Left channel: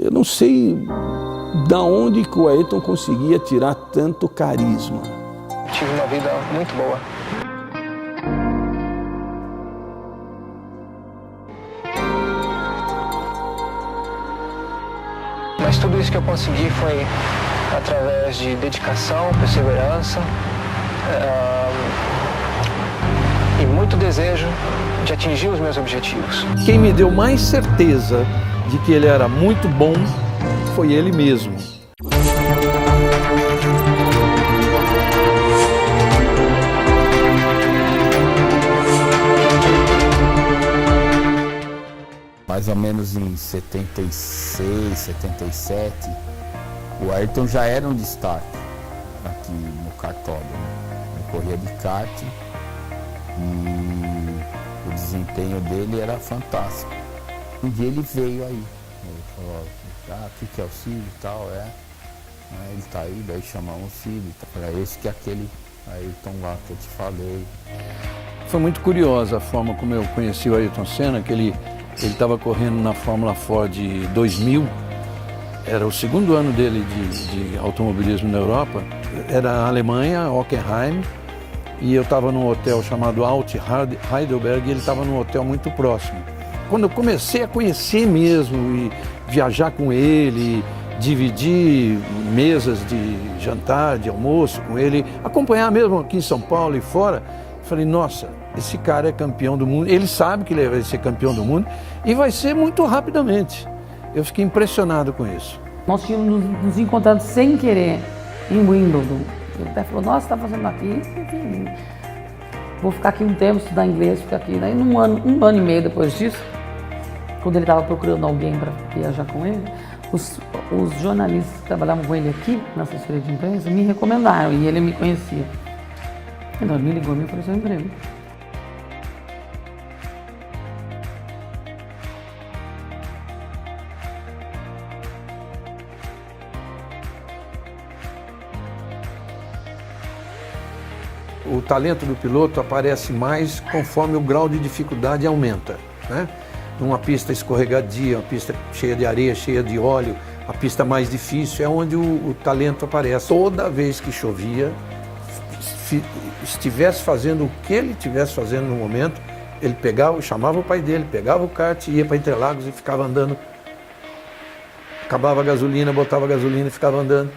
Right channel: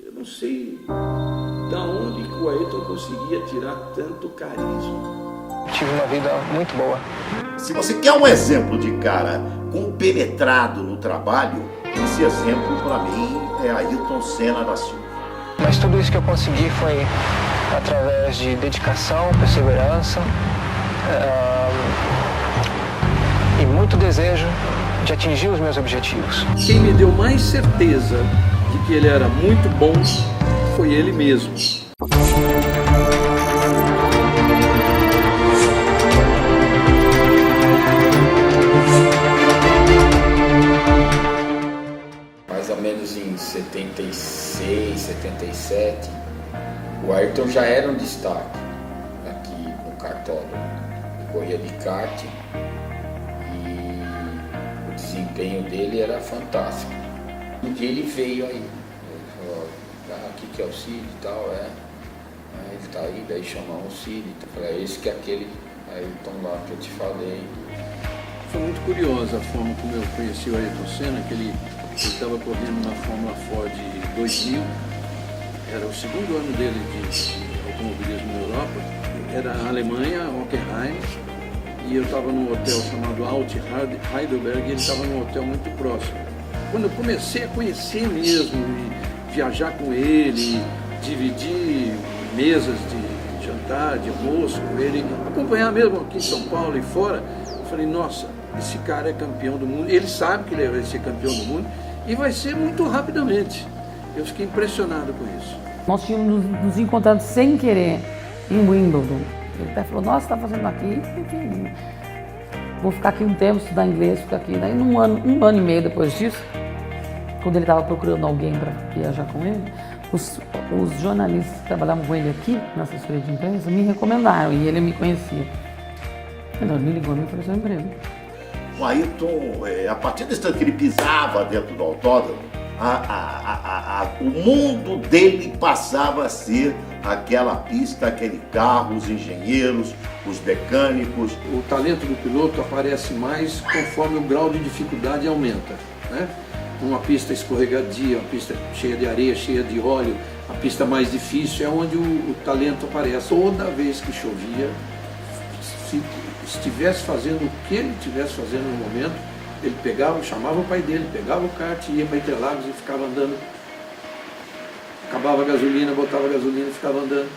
Eu não sei da onde que o Ayrton conseguia tirar tanto carisma. Tive uma vida muito boa. Se você quer um exemplo de cara compenetrado no trabalho, esse exemplo para mim é Ayrton Senna da Silva. Mas tudo isso que eu consegui foi através de dedicação, perseverança e muito desejo de atingir os meus objetivos. Quem me deu mais certeza de que ele era muito bom foi ele mesmo. Mais ou menos em 76, 77, o Ayrton já era um destaque aqui no kartódromo. Ele corria de kart e o desempenho dele era fantástico. Um dia ele veio aí, ele falou, aqui que é o Cid e tal, ele tá aí, daí chamamos o Cid, para esse que é aquele Ayrton lá que eu te falei. Foi muito curiosa a forma como eu conheci o Ayrton Senna, que ele estava correndo na Fórmula Ford 2000, era o segundo ano dele de automobilismo na Europa, era a Alemanha, Hockenheim, e eu estava num hotel chamado Alt Heidelberg e ele estava num hotel muito próximo. Quando eu comecei a conhecer mesmo e viajar com ele, dividir mesas de jantar, de almoço com ele, acompanhar mesmo aqui em São Paulo e fora, falei, nossa, esse cara é campeão do mundo, ele sabe que ele vai ser campeão do mundo e vai ser muito rapidamente. Eu fiquei impressionado com isso. Nós tínhamos nos encontrado sem querer em Wimbledon. Ele até falou, nossa, você está fazendo aqui? Enfim, vou ficar aqui um tempo, estudar inglês, ficar aqui. Daí, um ano e meio depois disso, quando ele estava procurando alguém para viajar com ele, os jornalistas que trabalhavam com ele aqui, na assessoria de imprensa, me recomendaram e ele me conhecia. Então ele me ligou e me ofereceu um emprego. O Ayrton, a partir do instante que ele pisava dentro do autódromo, o mundo dele passava a ser aquela pista, aquele carro, os engenheiros, os mecânicos. O talento do piloto aparece mais conforme o grau de dificuldade aumenta, né? Numa pista escorregadia, uma pista cheia de areia, cheia de óleo, a pista mais difícil é onde o talento aparece. Toda vez que chovia, se estivesse fazendo o que ele estivesse fazendo no momento, ele pegava, chamava o pai dele, pegava o kart, ia para Interlagos e ficava andando. Acabava a gasolina, botava a gasolina e ficava andando.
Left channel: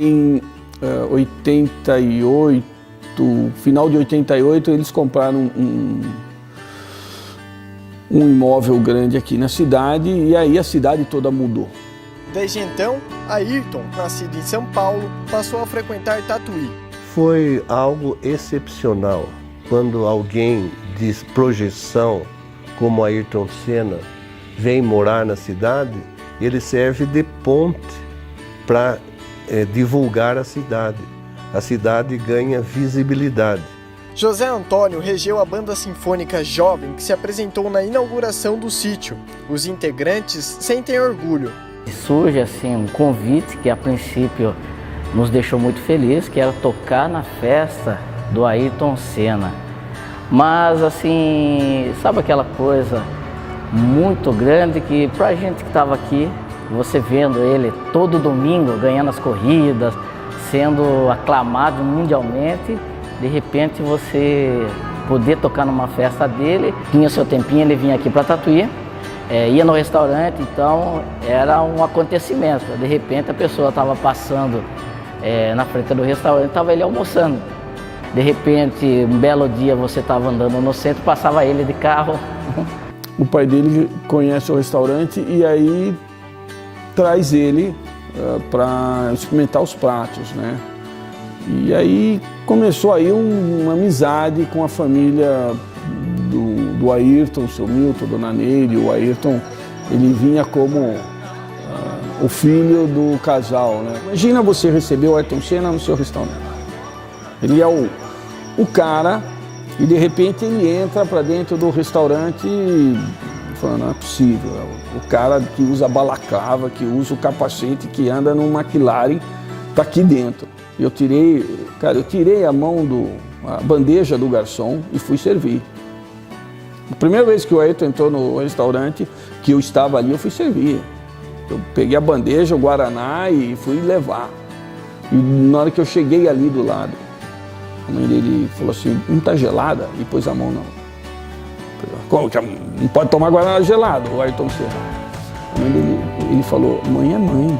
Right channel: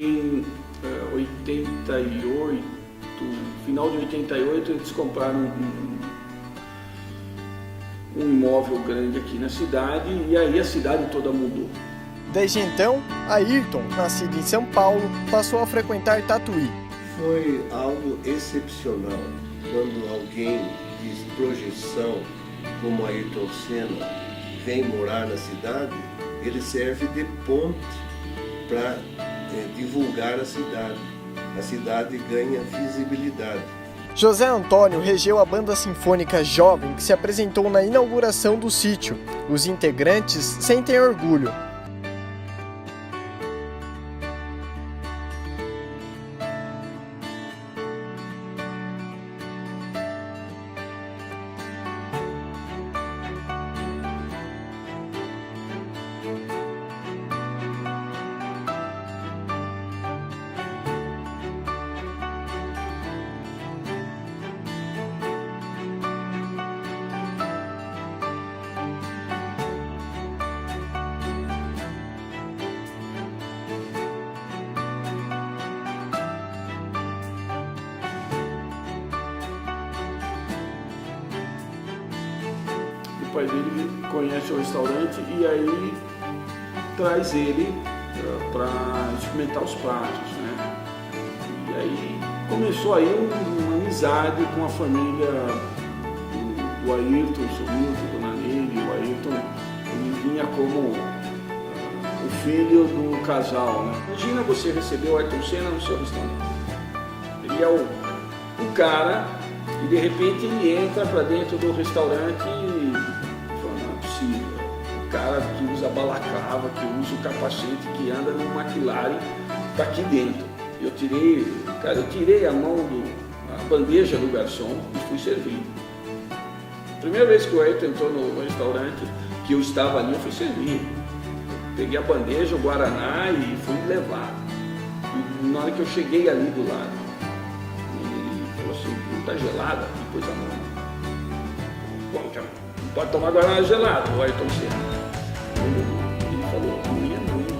Em 88, final de 88, eles compraram um imóvel grande aqui na cidade e aí a cidade toda mudou. Desde então, Ayrton, nascido em São Paulo, passou a frequentar Tatuí. Foi algo excepcional quando alguém de projeção como Ayrton Senna vem morar na cidade, ele serve de ponte para divulgar a cidade. A cidade ganha visibilidade. José Antônio regeu a banda sinfônica jovem que se apresentou na inauguração do sítio. Os integrantes sentem orgulho. Surge assim um convite que a princípio nos deixou muito felizes, que era tocar na festa do Ayrton Senna. Mas assim, sabe aquela coisa muito grande que pra gente que estava aqui, você vendo ele todo domingo ganhando as corridas, sendo aclamado mundialmente, de repente você poder tocar numa festa dele, tinha seu tempinho, ele vinha aqui para Tatuí, ia no restaurante, então era um acontecimento. De repente a pessoa estava passando na frente do restaurante, estava ele almoçando. De repente, um belo dia você estava andando no centro, passava ele de carro. O pai dele conhece o restaurante e aí traz ele para experimentar os pratos, né? E aí começou aí uma amizade com a família do Ayrton, o seu Milton, a dona Neide. O Ayrton, ele vinha como o filho do casal, né? Imagina você receber o Ayrton Senna no seu restaurante. Ele é o cara e de repente ele entra para dentro do restaurante e fala, não é possível, o cara que usa balaclava, que usa o capacete, que anda no McLaren, tá aqui dentro. Eu tirei a bandeja do garçom e fui servir. A primeira vez que o Ayrton entrou no restaurante, que eu estava ali, eu fui servir. Eu peguei a bandeja, o guaraná e fui levar. E na hora que eu cheguei ali do lado, a mãe dele falou assim, não tá gelada? E pôs a mão na... Como que não pode tomar guaraná gelado, o Ayrton Senna. Ele falou, mãe é mãe.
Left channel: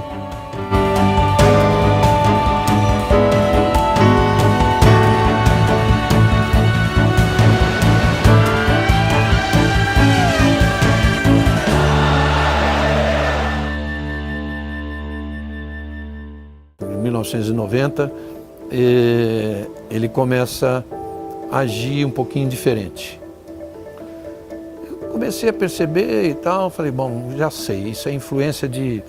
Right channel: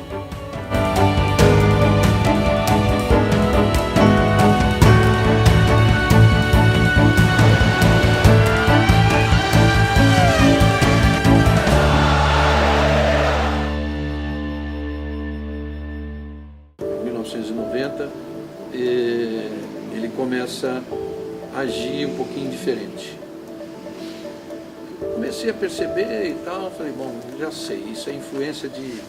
Em 1990, ele começa a agir um pouquinho diferente. Comecei a perceber e tal, falei, bom, já sei, isso é influência de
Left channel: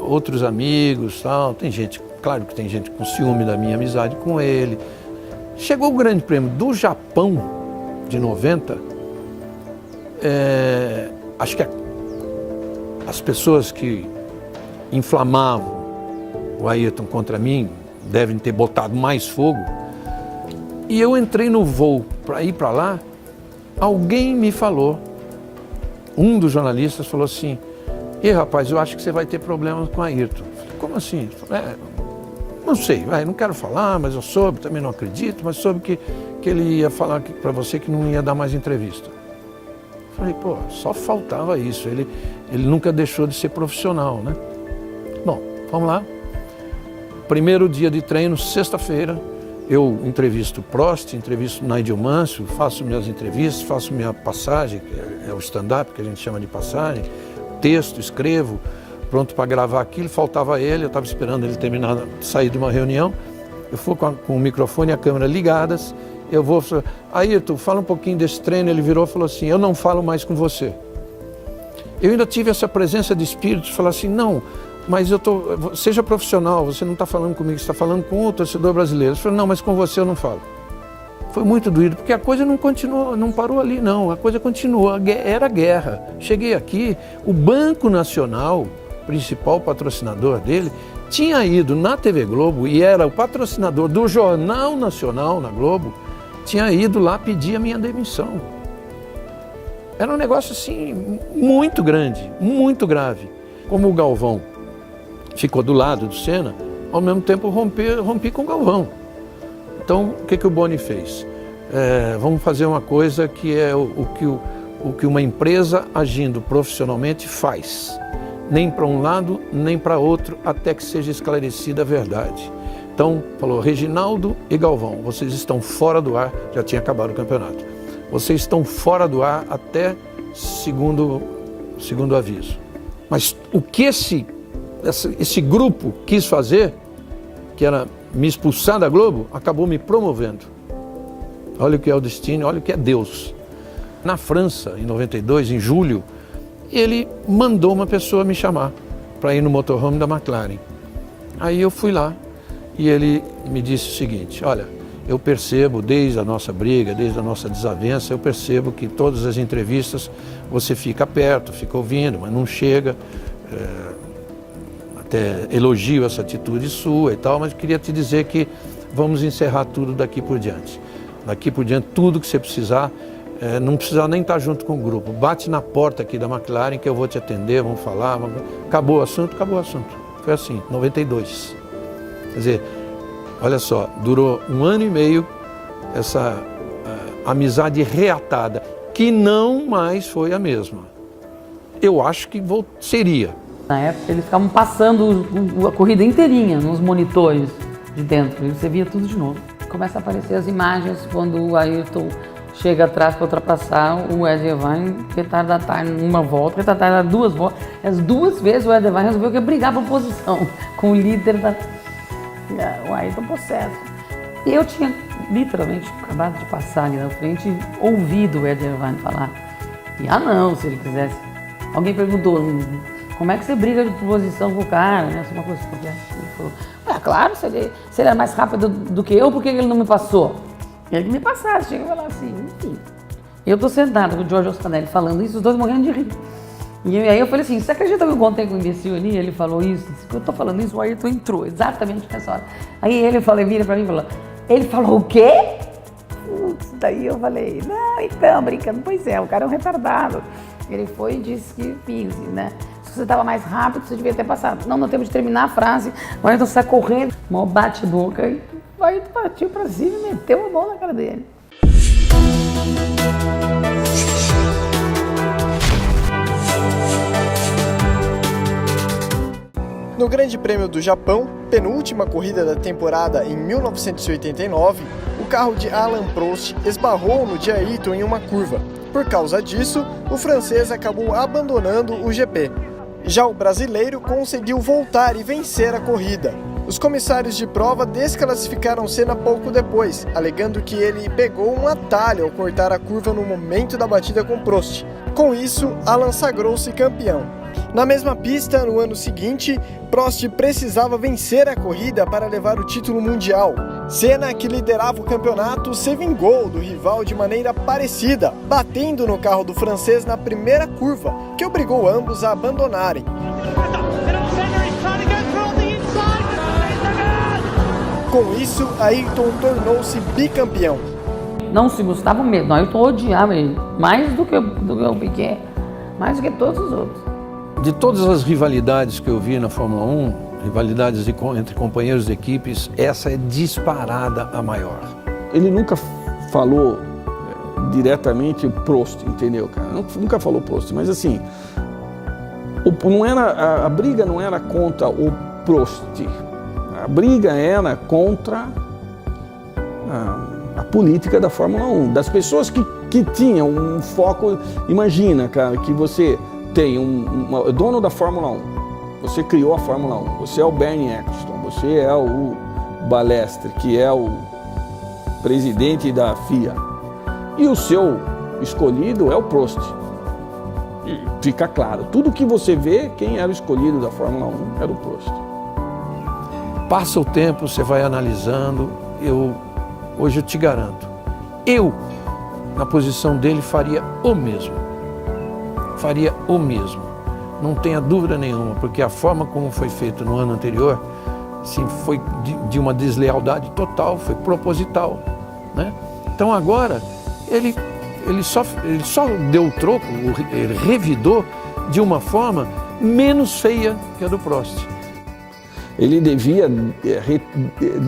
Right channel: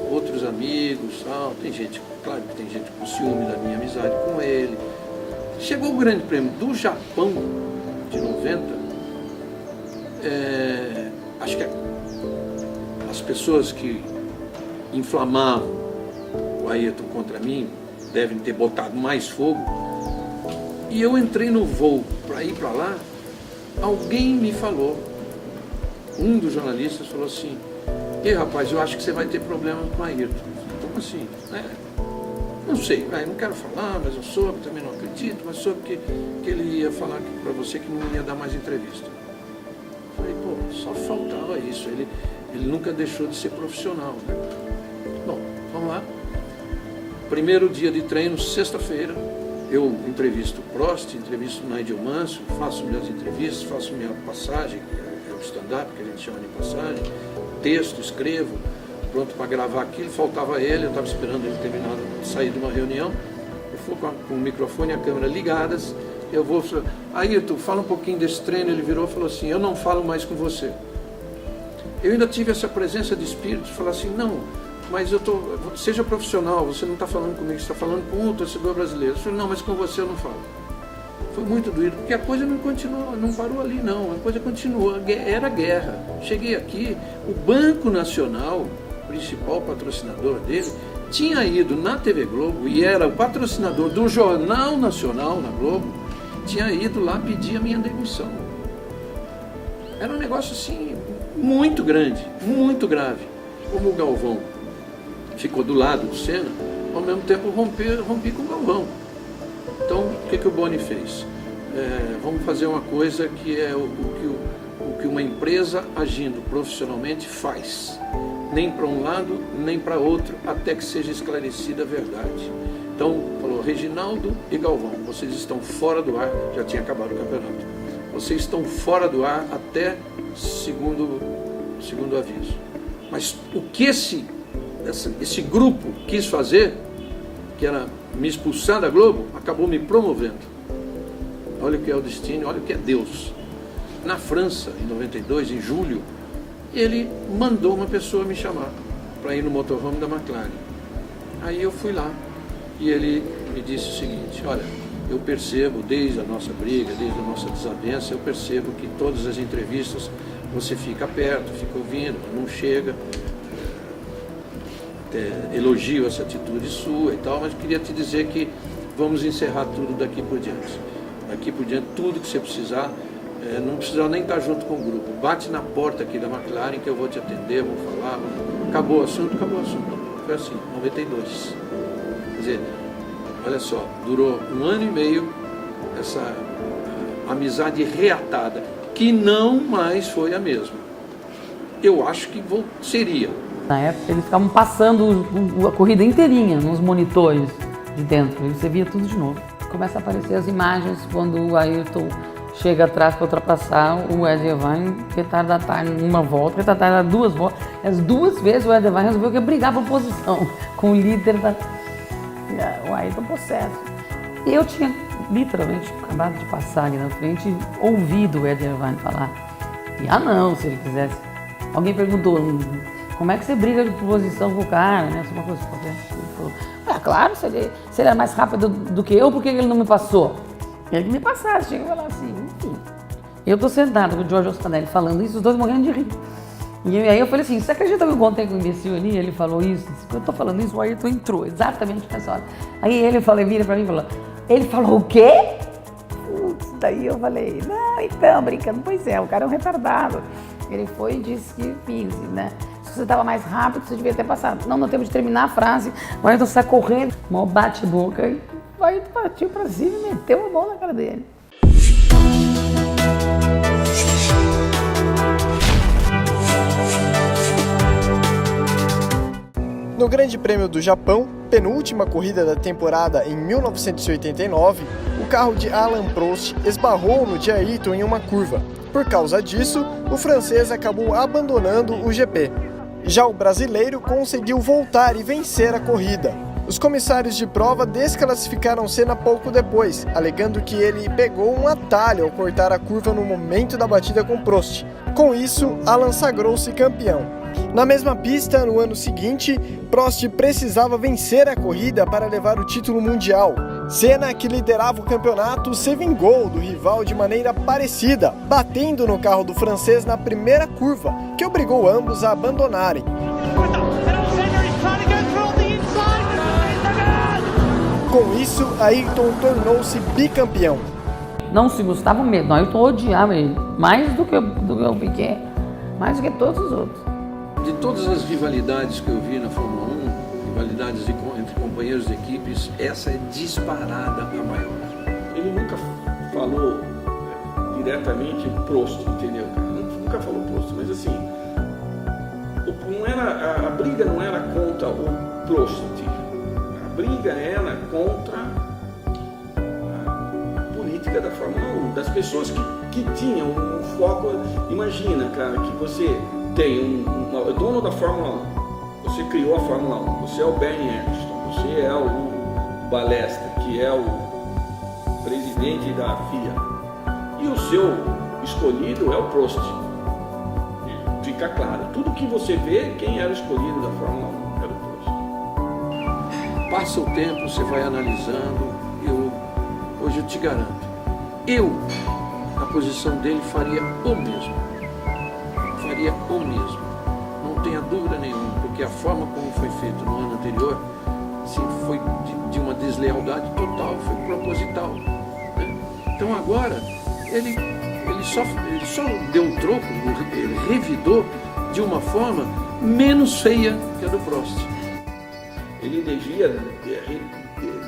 outros amigos, tal. Tem gente, claro que tem gente com ciúme da minha amizade com ele. Chegou o Grande Prêmio do Japão de 90, acho que as pessoas que inflamavam o Ayrton contra mim devem ter botado mais fogo. E eu entrei no voo para ir para lá, alguém me falou, um dos jornalistas falou assim, rapaz, eu acho que você vai ter problemas com o Ayrton. Falei, como assim? Não sei, não quero falar, mas eu soube, também não acredito, mas soube que ele ia falar para você que não ia dar mais entrevista. Falei, pô, só faltava isso, ele nunca deixou de ser profissional, né? Bom, vamos lá. Primeiro dia de treino, sexta-feira, eu entrevisto o Prost, entrevisto o Nigel Mansell, faço minhas entrevistas, faço minha passagem, que é o stand-up, que a gente chama de passagem, texto, escrevo, pronto para gravar aquilo, faltava ele, eu estava esperando ele terminar, sair de uma reunião, eu fui com o microfone e a câmera ligadas, eu vou falar, Ayrton, fala um pouquinho desse treino, ele virou e falou assim, eu não falo mais com você. Eu ainda tive essa presença de espírito, de falar assim, não, mas seja profissional, você não está falando comigo, você está falando com o torcedor brasileiro. Eu falei, não, mas com você eu não falo. Foi muito doído, porque a coisa não continuou, não parou ali não, a coisa continuou, era guerra. Cheguei aqui, o Banco Nacional, principal patrocinador dele, tinha ido na TV Globo e era o patrocinador do Jornal Nacional na Globo, tinha ido lá pedir a minha demissão. Era um negócio assim, muito grande, muito grave. Como o Galvão ficou do lado do Senna, ao mesmo tempo rompi com o Galvão. Então, o que o Boni fez? Vamos fazer uma coisa que é o que uma empresa agindo profissionalmente faz. Nem para um lado, nem para outro, até que seja esclarecida a verdade. Então, falou, Reginaldo e Galvão, vocês estão fora do ar, já tinha acabado o campeonato. Vocês estão fora do ar até segundo aviso. Mas o que esse grupo quis fazer, que era me expulsar da Globo, acabou me promovendo. Olha o que é o destino, olha o que é Deus. Na França, em 92, em julho, ele mandou uma pessoa me chamar para ir no motorhome da McLaren. Aí eu fui lá e ele me disse o seguinte, olha, eu percebo desde a nossa briga, desde a nossa desavença, eu percebo que em todas as entrevistas você fica perto, fica ouvindo, mas não chega. Até elogio essa atitude sua e tal, mas queria te dizer que vamos encerrar tudo daqui por diante. Daqui por diante, tudo que você precisar, não precisa nem estar junto com o grupo. Bate na porta aqui da McLaren que eu vou te atender, vamos falar. Acabou o assunto, acabou o assunto. Foi assim, 92. Quer dizer, olha só, durou 1 ano e meio essa amizade reatada, que não mais foi a mesma. Eu acho que seria. Na época eles ficavam passando a corrida inteirinha nos monitores de dentro e você via tudo de novo. Começa a aparecer as imagens quando o Ayrton chega atrás para ultrapassar o Ed Irvine, retardatário numa volta, retardatário 2 voltas. As 2 vezes o Ed Irvine resolveu que ia brigar por posição com o líder o Ayrton possesso. E eu tinha literalmente acabado de passar ali na frente e ouvido o Ed Irvine falar. E não, se ele quisesse. Alguém perguntou, como é que você briga de posição com o cara, né? Uma coisa qualquer. Ele falou, claro, se ele é mais rápido do que eu, por que ele não me passou? Ele me passasse, chega e falar assim, enfim. Eu tô sentado com o Giorgio Stanelli falando isso, os dois morrendo de rir. E aí eu falei assim, você acredita que eu contei com o imbecil ali? Ele falou isso, eu tô falando isso, o Ayrton entrou, exatamente nessa hora. Aí ele vira pra mim e falou, ele falou o quê? Putz, daí eu falei, não, então, brincando, pois é, o cara é um retardado. Ele foi e disse que fiz, né? Se você tava mais rápido, você devia ter passado. Não temos de terminar a frase, o Ayrton sai correndo, mal bate-boca, e o Ayrton partiu pra cima e meteu a mão na cara dele. No Grande Prêmio do Japão, penúltima corrida da temporada em 1989, o carro de Alain Prost esbarrou no de Ayrton em uma curva. Por causa disso, o francês acabou abandonando o GP. Já o brasileiro conseguiu voltar e vencer a corrida. Os comissários de prova desclassificaram Senna pouco depois, alegando que ele pegou um atalho ao cortar a curva no momento da batida com Prost. Com isso, Alain sagrou-se campeão. Na mesma pista, no ano seguinte, Prost precisava vencer a corrida para levar o título mundial. Senna, que liderava o campeonato, se vingou do rival de maneira parecida, batendo no carro do francês na primeira curva, que obrigou ambos a abandonarem. Com isso, Ayrton tornou-se bicampeão. Não se gostava mesmo, Ayrton odiava ele, mais do que o Piquet, mais do que todos os outros. De todas as rivalidades que eu vi na Fórmula 1, rivalidades entre companheiros de equipes, essa é disparada a maior. Ele nunca falou diretamente Prost, entendeu, cara? Nunca falou Prost, mas assim, a briga não era contra o Prost, a briga era contra a política da Fórmula 1, das pessoas que tinham um foco. Imagina, cara, que você tem dono da Fórmula 1, você criou a Fórmula 1, você é o Bernie Eccleston, você é o Balestre, que é o presidente da FIA, e o seu escolhido é o Prost. E fica claro, tudo que você vê, quem era o escolhido da Fórmula 1 era o Prost. Passa o tempo, você vai analisando, hoje eu te garanto, na posição dele, faria o mesmo. Não tenha dúvida nenhuma, porque a forma como foi feito no ano anterior, assim, foi de uma deslealdade total, foi proposital, né? Então agora, ele só deu o troco, ele revidou de uma forma menos feia que a do Prost. Ele devia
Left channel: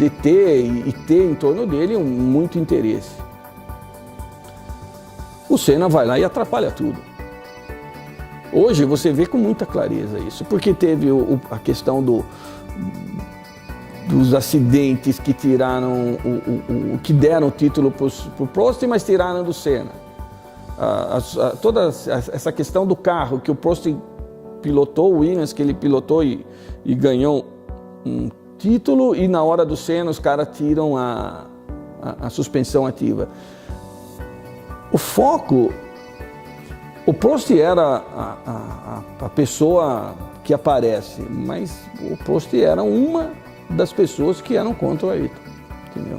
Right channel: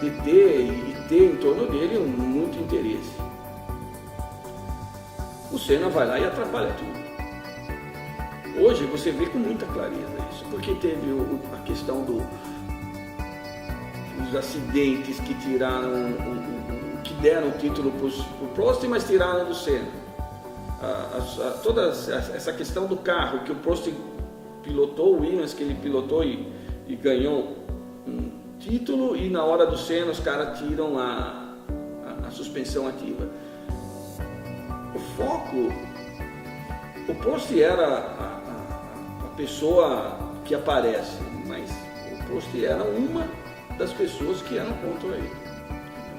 deter e ter em torno dele muito interesse. O Senna vai lá e atrapalha tudo. Hoje você vê com muita clareza isso, porque teve a questão dos acidentes que tiraram, que deram o título para o Prost, mas tiraram do Senna. Toda essa questão do carro que o Prost pilotou, o Williams que ele pilotou e ganhou um título, e na hora do Senna os caras tiram a suspensão ativa. O foco... O Prost era a pessoa que aparece, mas o Prost era uma das pessoas que eram contra o Ayrton, entendeu?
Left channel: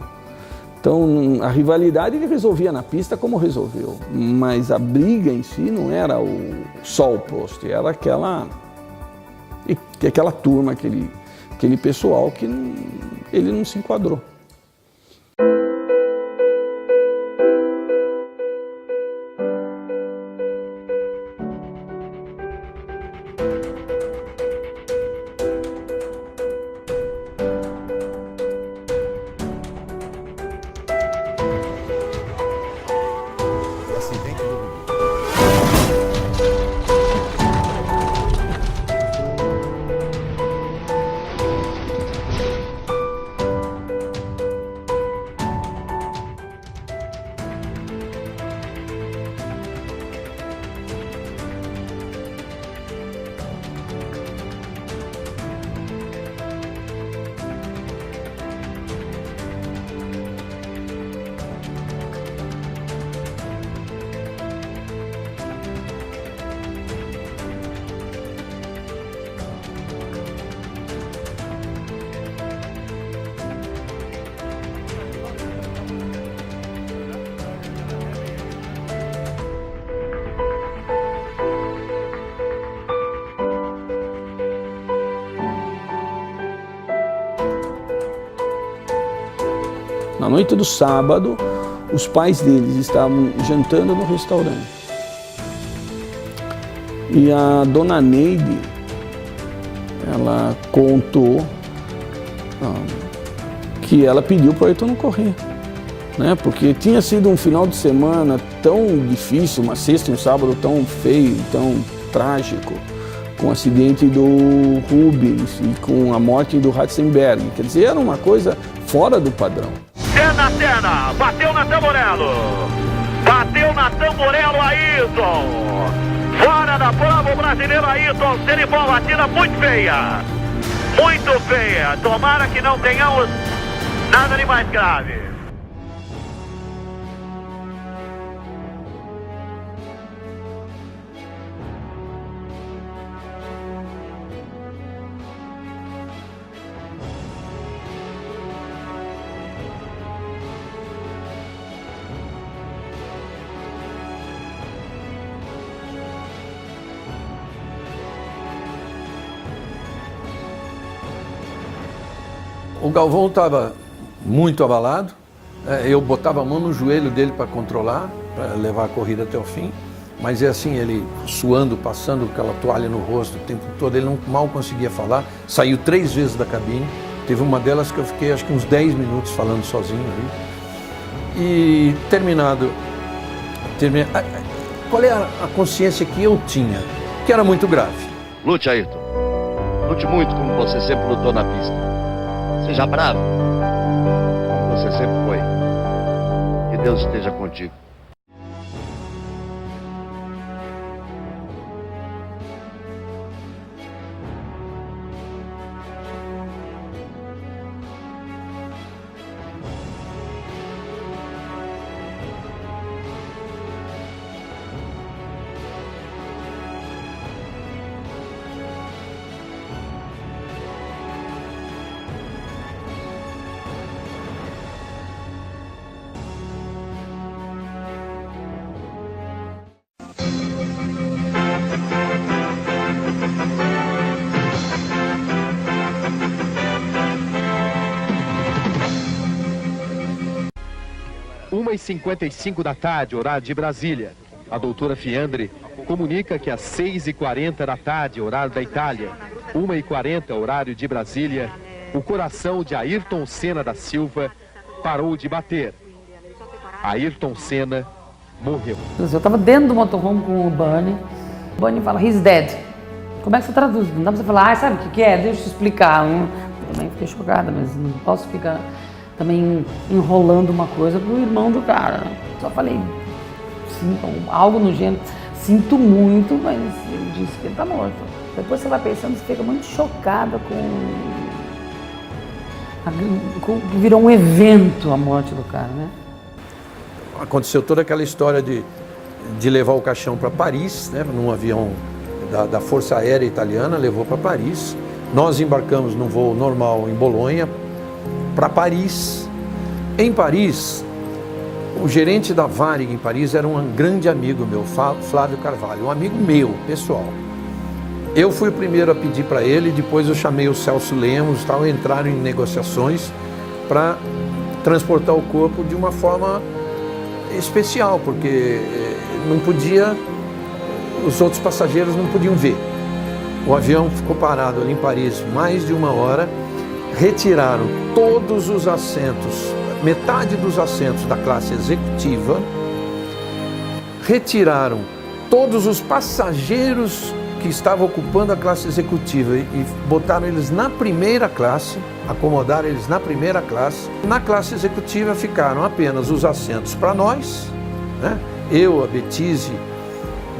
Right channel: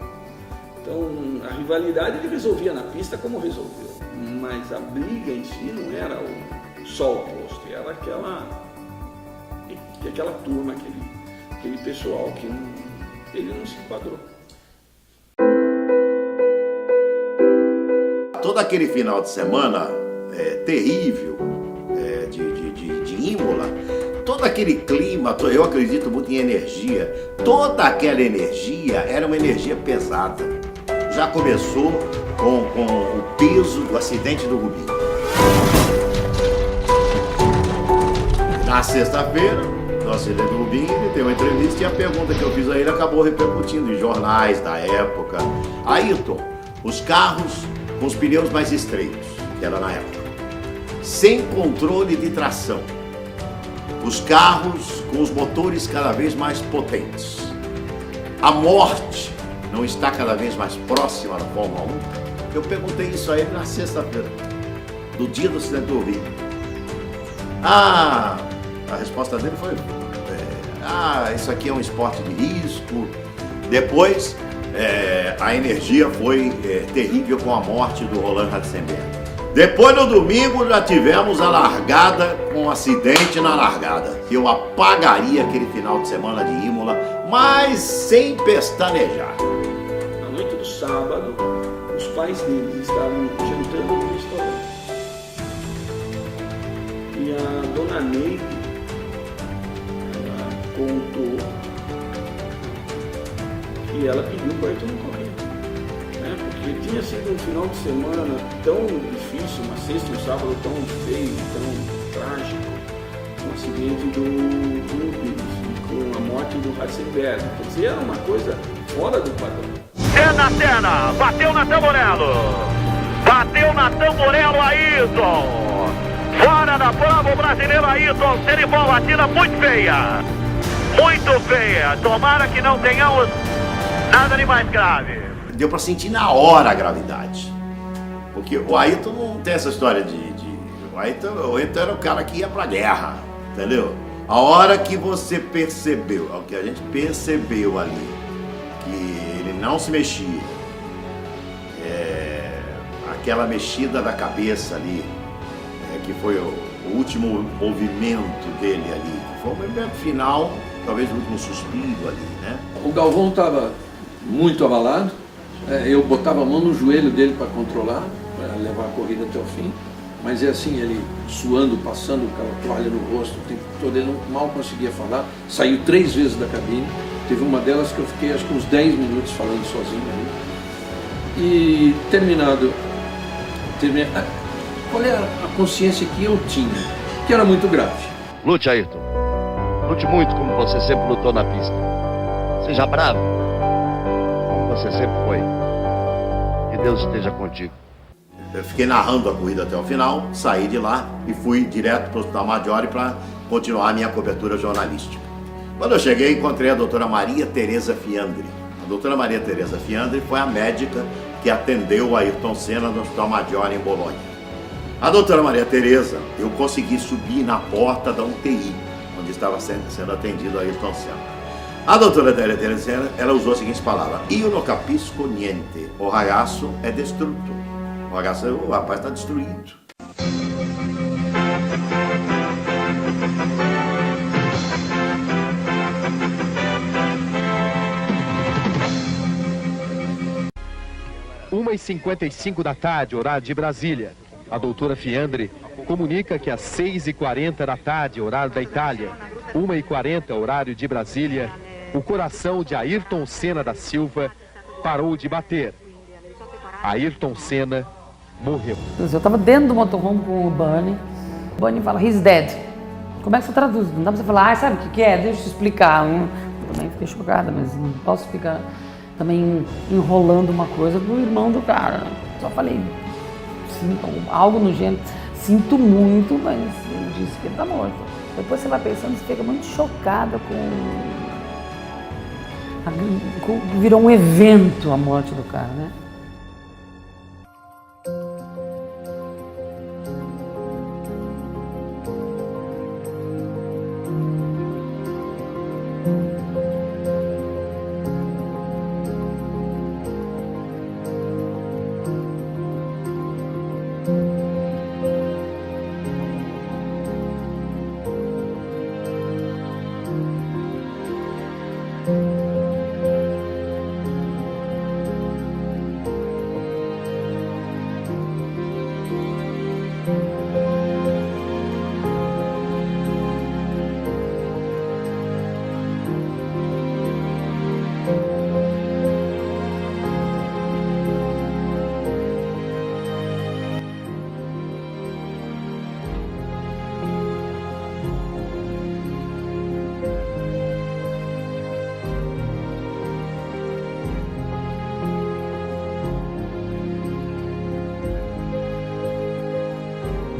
Então, a rivalidade ele resolvia na pista como resolveu, mas a briga em si não era só o Prost, era aquela turma, aquele pessoal que ele não se enquadrou. Todo aquele final de semana terrível de Imola, todo aquele clima, eu acredito muito em energia, toda aquela energia era uma energia pesada. Já começou com o peso do acidente do Rubinho. Na sexta-feira, no acidente do Rubinho, tem uma entrevista e a pergunta que eu fiz a ele acabou repercutindo em jornais da época. Ayrton, os carros com os pneus mais estreitos, que era na época, sem controle de tração, os carros com os motores cada vez mais potentes, a morte não está cada vez mais próxima da Fórmula 1? Eu perguntei isso a ele na sexta-feira, no dia do acidente do Rio. A resposta dele foi: isso aqui é um esporte de risco. Depois, a energia foi terrível com a morte do Roland Ratzenberger. Depois no domingo já tivemos a largada, com um acidente na largada. Eu apagaria aquele final de semana de Imola, mas sem pestanejar. Na noite do sábado, os pais deles estavam jantando no restaurante. E a dona Neide, ela contou que ela pediu para o Ayrton não correr. Né? Porque tinha sido um final de semana tão difícil, uma sexta e um sábado tão feio, tão trágico, com o acidente do Rubens e com a morte do Ratzenberger. Quer dizer, era uma coisa fora do padrão. Senna, bateu na Tamborello, Ayrton, fora da prova o brasileiro Ayrton Senna, bola batida muito feia, tomara que não tenhamos nada de mais grave. Deu para sentir na hora a gravidade. Porque o Ayrton não tem essa história o Ayrton era o cara que ia pra guerra, entendeu? A hora que você percebeu, o que a gente percebeu ali, que ele não se mexia, aquela mexida da cabeça ali, que foi o último movimento dele ali, foi o movimento final, talvez o último suspiro ali, né? O Galvão estava muito abalado. Eu botava a mão no joelho dele para controlar, para levar a corrida até o fim. Mas é assim, ele suando, passando aquela toalha no rosto o tempo todo, ele mal conseguia falar. Saiu 3 vezes da cabine. Teve uma delas que eu fiquei acho que uns 10 minutos falando sozinho ali. E terminado, qual é a consciência que eu tinha? Que era muito grave. Lute, Ayrton. Lute muito como você sempre lutou na pista. Seja bravo, como você sempre foi. Que Deus esteja contigo. Eu fiquei narrando a corrida até o final, saí de lá e fui direto para o Hospital Maggiore para continuar a minha cobertura jornalística. Quando eu cheguei, encontrei a doutora Maria Tereza Fiandri. A doutora Maria Tereza Fiandri foi a médica que atendeu o Ayrton Senna no Hospital Maggiore em Bolonha. A doutora Maria Tereza, eu consegui subir na porta da UTI, onde estava sendo atendido o Ayrton Senna. A doutora Tereza, ela usou as seguintes palavras: "Io non capisco niente, o ragazzo è distrutto." O rapaz está destruído. Uma e 55 da tarde, horário de Brasília. A doutora Fiandri comunica que às 6h40 da tarde, horário da Itália, 1h40, horário de Brasília, o coração de Ayrton Senna da Silva parou de bater. Ayrton Senna morreu. Eu estava dentro do motorhome com o Bunny. O Bunny fala, he's dead. Como é que você traduz? Não dá pra você falar, sabe o que é? Deixa eu te explicar. Eu também fiquei chocada, mas não posso ficar também enrolando uma coisa pro irmão do cara. Né? Só falei, sim, algo no gênero. Sinto muito, mas ele disse que ele tá morto. Depois você vai pensando, você fica muito chocada virou um evento a morte do cara, né? Aconteceu toda aquela história de levar o caixão para Paris, né, num avião da Força Aérea Italiana, levou para Paris. Nós embarcamos num voo normal em Bolonha para Paris. Em Paris, o gerente da Varig em Paris era um grande amigo meu, Flávio Carvalho, um amigo meu, pessoal. Eu fui o primeiro a pedir para ele, depois eu chamei o Celso Lemos e tal, entraram em negociações para transportar o corpo de uma forma especial, porque não podia, os outros passageiros não podiam ver. O avião ficou parado ali em Paris mais de 1 hora, retiraram todos os assentos, metade dos assentos da classe executiva, retiraram todos os passageiros que estavam ocupando a classe executiva e botaram eles na primeira classe, acomodaram eles na primeira classe. Na classe executiva ficaram apenas os assentos para nós, né? Eu, a Betise,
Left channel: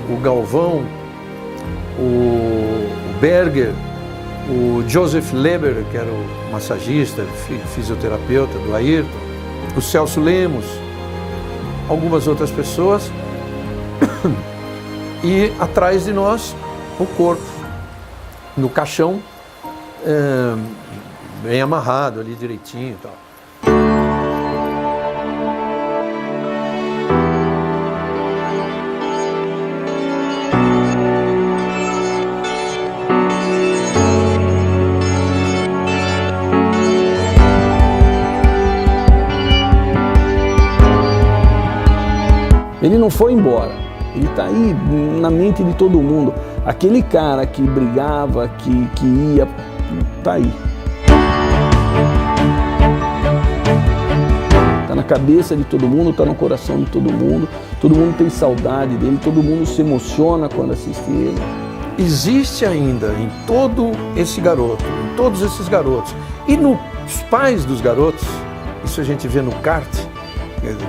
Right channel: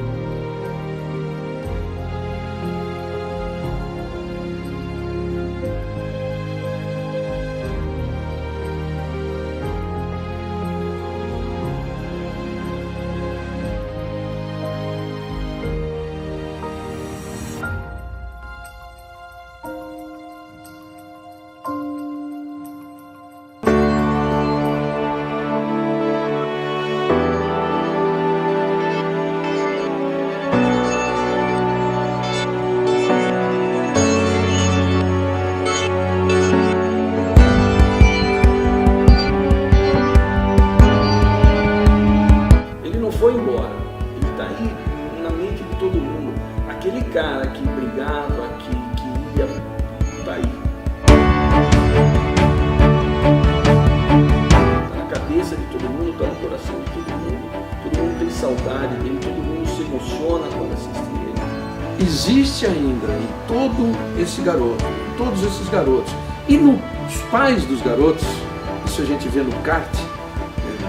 o Galvão, o Berger, o Joseph Leber, que era o massagista, fisioterapeuta do Ayrton, o Celso Lemos, algumas outras pessoas, e atrás de nós o corpo, no caixão, bem amarrado ali direitinho e tal. foi embora. Ele está aí na mente de todo mundo. Aquele cara que brigava, que ia, está aí. Está na cabeça de todo mundo, está no coração de todo mundo tem saudade dele, todo mundo se emociona quando assiste ele. Existe ainda em todo esse garoto, em todos esses garotos, e nos pais dos garotos, isso a gente vê no kart,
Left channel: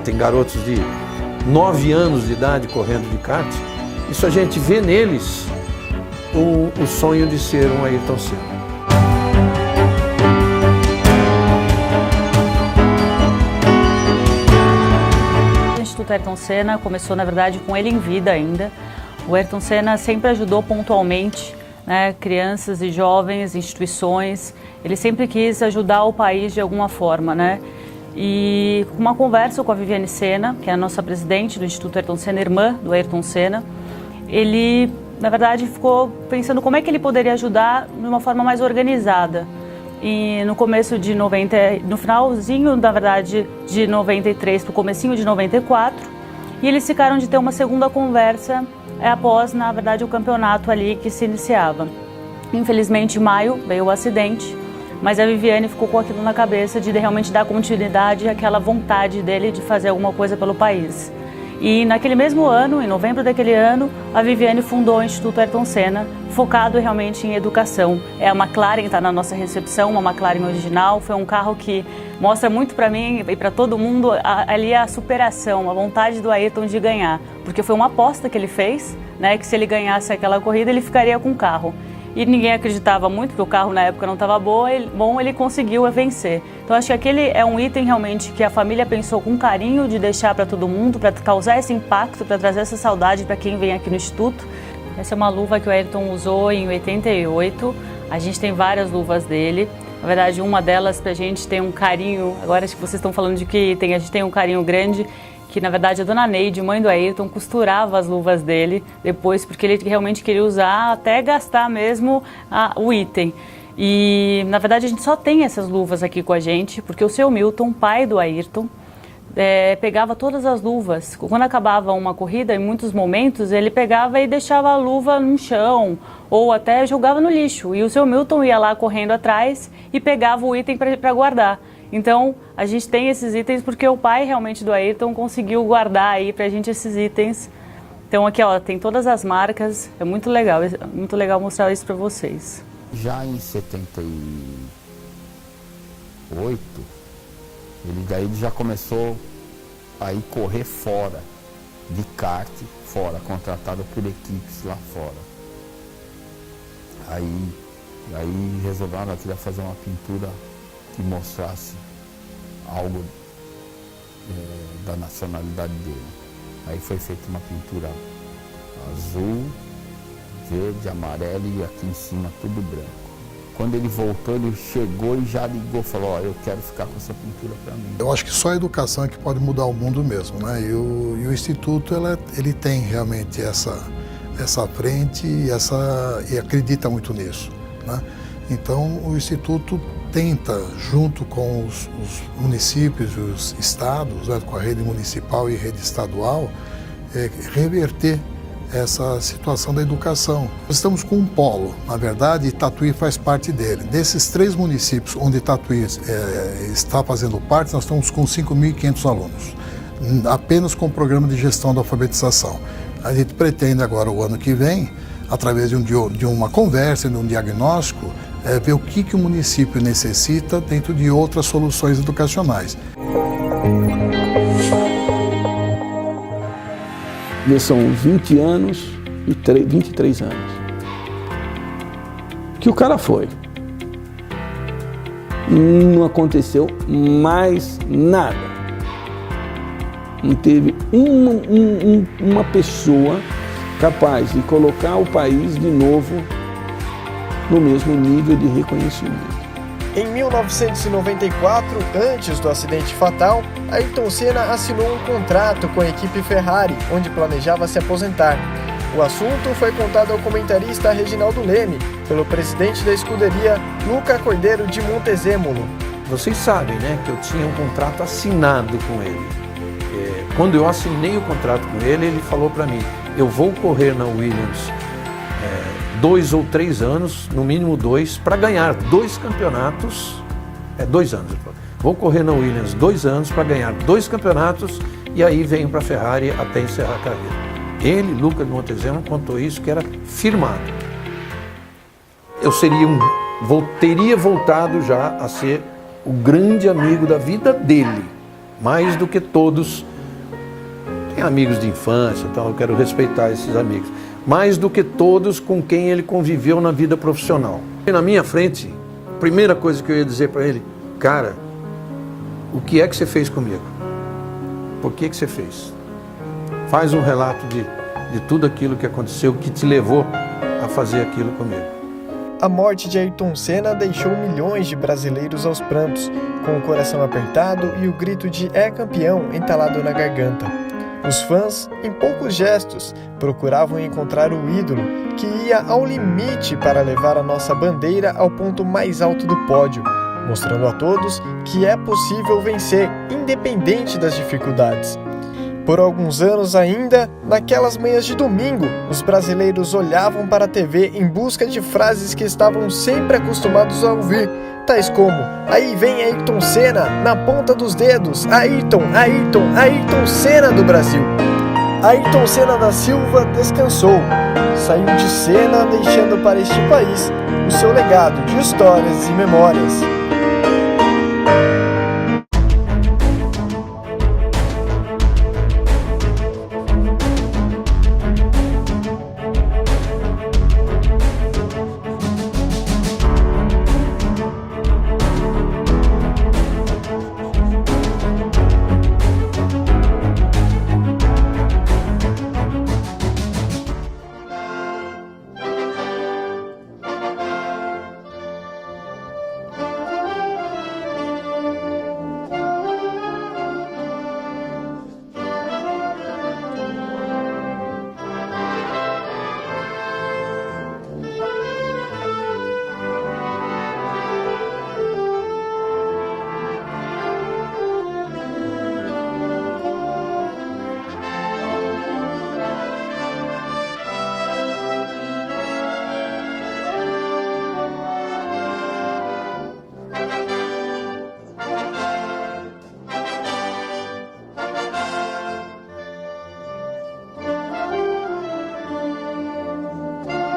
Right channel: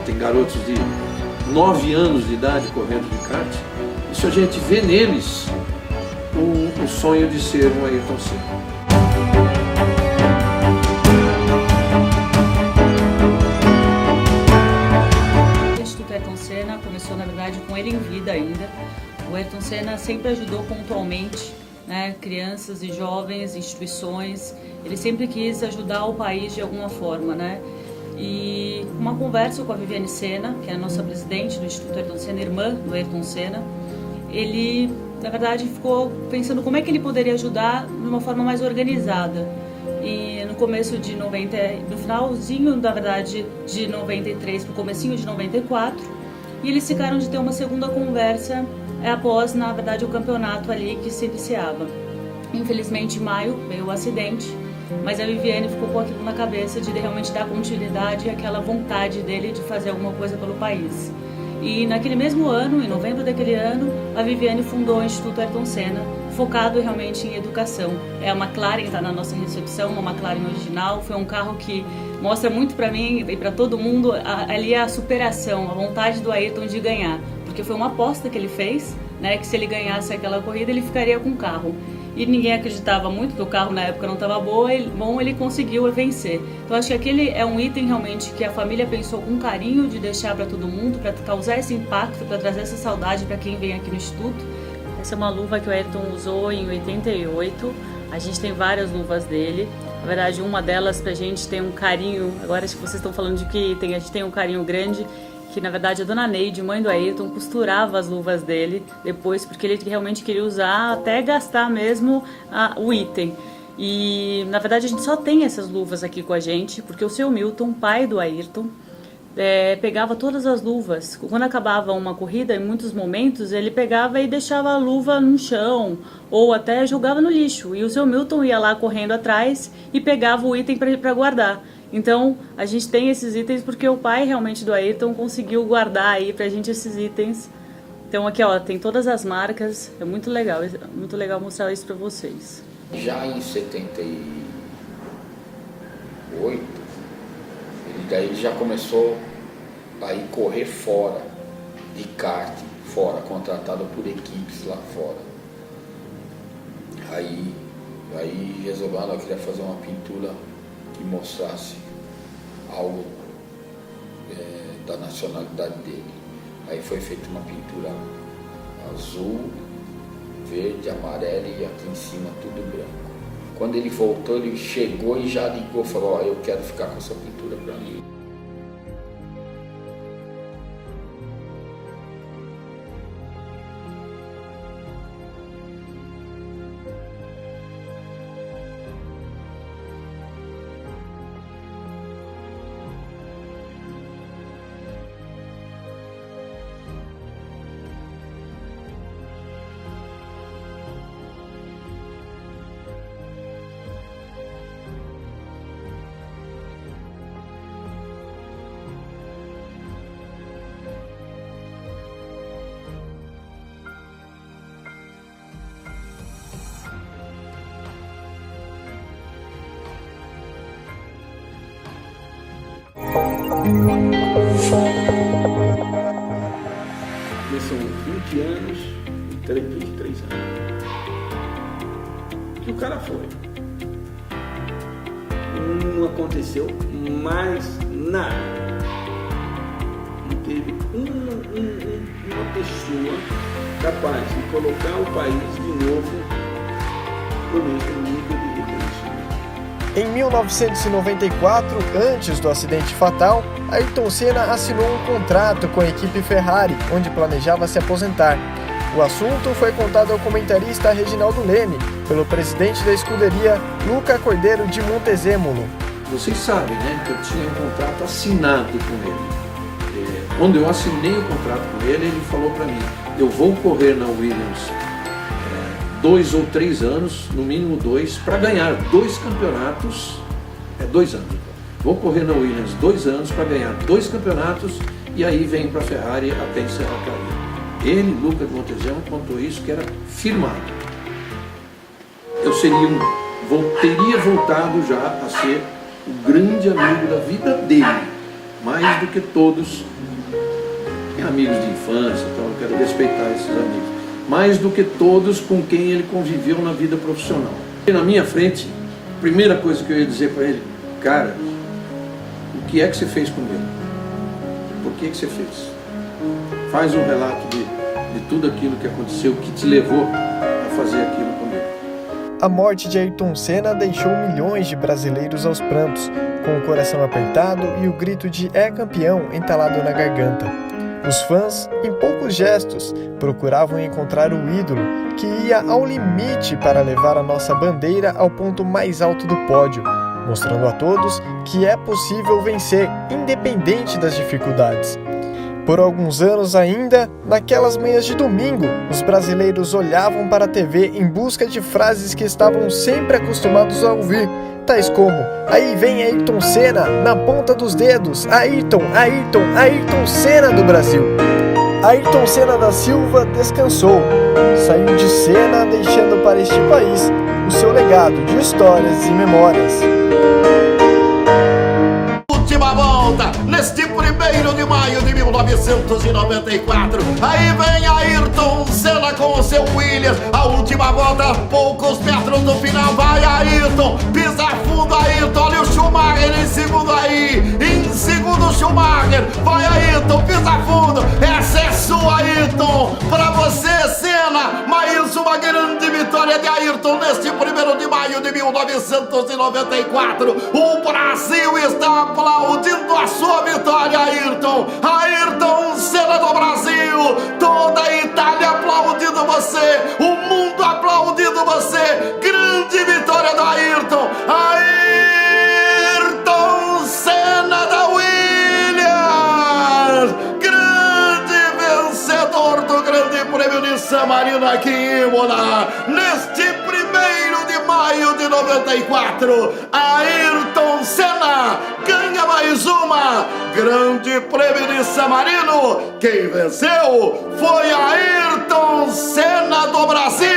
tem garotos de 9 anos de idade correndo de kart, isso a gente vê neles o sonho de ser um Ayrton Senna. O Instituto Ayrton Senna começou, na verdade, com ele em vida ainda. O Ayrton Senna sempre ajudou pontualmente, né, crianças e jovens, instituições. Ele sempre quis ajudar o país de alguma forma, né? E uma conversa com a Viviane Senna, que é a nossa presidente do Instituto Ayrton Senna, irmã do Ayrton Senna, ele, na verdade, ficou pensando como é que ele poderia ajudar de uma forma mais organizada. E no começo de 90, no finalzinho, na verdade, de 93 para o comecinho de 94, e eles ficaram de ter uma segunda conversa após, na verdade, o campeonato ali que se iniciava. Infelizmente, em maio, veio o acidente, mas a Viviane ficou com aquilo na cabeça de realmente dar continuidade àquela vontade dele de fazer alguma coisa pelo país. E naquele mesmo ano, em novembro daquele ano, a Viviane fundou o Instituto Ayrton Senna, focado realmente em educação. A McLaren está na nossa recepção, uma McLaren original, foi um carro que mostra muito para mim e para todo mundo ali a superação, a vontade do Ayrton de ganhar. Porque foi uma aposta que ele fez, né, que se ele ganhasse aquela corrida, ele ficaria com o carro. E ninguém acreditava muito, porque o carro na época não estava bom, ele conseguiu vencer. Então acho que aquele é um item realmente que a família pensou com carinho de deixar para todo mundo, para causar esse impacto, para trazer essa saudade para quem vem aqui no Instituto. Essa é uma luva que o Ayrton usou em 88, a gente tem várias luvas dele. Na verdade, uma delas pra gente tem um carinho, agora acho que vocês estão falando de que a gente tem um carinho grande, que na verdade a dona Neide, mãe do Ayrton, costurava as luvas dele depois, porque ele realmente queria usar até gastar mesmo o item. E na verdade a gente só tem essas luvas aqui com a gente, porque o seu Milton, pai do Ayrton, pegava todas as luvas. Quando acabava uma corrida, em muitos momentos, ele pegava e deixava a luva no chão, ou até jogava no lixo. E o seu Milton ia lá correndo atrás e pegava o item para guardar. Então, a gente tem esses itens porque o pai realmente do Ayrton conseguiu guardar aí pra gente esses itens. Então aqui, ó, tem todas as marcas, é muito legal mostrar isso pra vocês. Já em 78, ele já começou a ir correr fora, de kart fora, contratado por equipes lá fora. Aí resolveu, ela queria fazer uma pintura que mostrasse algo da nacionalidade dele. Aí foi feita uma pintura azul, verde, amarelo e aqui em cima tudo branco. Quando ele voltou, ele chegou e já ligou, falou, ó, eu quero ficar com essa pintura para mim. Eu acho que só a educação é que pode mudar o mundo mesmo, né? E o Instituto, ele tem realmente essa frente e acredita muito nisso, né? Então, o Instituto tenta, junto com os municípios e os estados, né, com a rede municipal e rede estadual, reverter essa situação da educação. Nós estamos com um polo, na verdade, e Tatuí faz parte dele. Desses 3 municípios onde Tatuí está fazendo parte, nós estamos com 5.500 alunos, apenas com o programa de gestão da alfabetização. A gente pretende agora, o ano que vem, através de uma conversa, de um diagnóstico, ver o que o município necessita dentro de outras soluções educacionais. São 20 anos e 23 anos que o cara foi. Não aconteceu mais nada. Não teve uma pessoa capaz de colocar o país de novo no mesmo nível de reconhecimento. Em 1994, antes do acidente fatal, Ayrton Senna assinou um contrato com a equipe Ferrari, onde planejava se aposentar. O assunto foi contado ao comentarista Reginaldo Leme, pelo presidente da escuderia, Luca Cordeiro de Montezemolo. Vocês sabem, né, que eu tinha um contrato assinado com ele. Quando eu assinei o contrato com ele, ele falou para mim, eu vou correr na Williams 2 ou 3 anos, no mínimo 2, para ganhar 2 campeonatos, 2 anos. Vou correr na Williams 2 anos para ganhar 2 campeonatos e aí venho para a Ferrari até encerrar a carreira. Ele, Luca de Montezemolo, contou isso, que era firmado. Eu teria voltado já a ser o grande amigo da vida dele, mais do que todos. Tem amigos de infância, então eu quero respeitar esses amigos. Mais do que todos com quem ele conviveu na vida profissional. E na minha frente, a primeira coisa que eu ia dizer para ele, cara, o que é que você fez comigo? Por que você fez? Faz um relato de tudo aquilo que aconteceu, que te levou a fazer aquilo comigo. A morte de Ayrton Senna deixou milhões de brasileiros aos prantos, com o coração apertado e o grito de "é campeão" entalado na garganta. Os fãs, em poucos gestos, procuravam encontrar o ídolo que ia ao limite para levar a nossa bandeira ao ponto mais alto do pódio, mostrando a todos que é possível vencer, independente das dificuldades. Por alguns anos ainda, naquelas manhãs de domingo, os brasileiros olhavam para a TV em busca de frases que estavam sempre acostumados a ouvir, tais como "aí vem Ayrton Senna, na ponta dos dedos, Ayrton, Ayrton, Ayrton Senna do Brasil". Ayrton Senna da Silva descansou, saiu de cena deixando para este país o seu legado de histórias e memórias. Última volta, neste 1º de maio de 1994. Aí vem Ayrton Senna com o seu Williams. A última volta, poucos metros do final. Vai Ayrton, pisa fundo Ayrton. Olha o Schumacher em segundo aí. Em segundo Schumacher. Vai Ayrton, pisa fundo. Essa é sua, Ayrton. Pra você, Senna. Mais uma grande vitória de Ayrton neste 1º de maio de 1994. O Brasil está aplaudindo a sua vitória, Ayrton. Ayrton Senna do Brasil. Toda a Itália aplaudindo você. O mundo aplaudindo você. Grande vitória do Ayrton. Ayrton Senna da Williams. Grande vencedor do Grande Prêmio de San Marino aqui em Imola. Neste 1º de maio de 94, Ayrton Senna ganha mais uma Grande Prêmio de San Marino. Quem venceu foi Ayrton Senna do Brasil.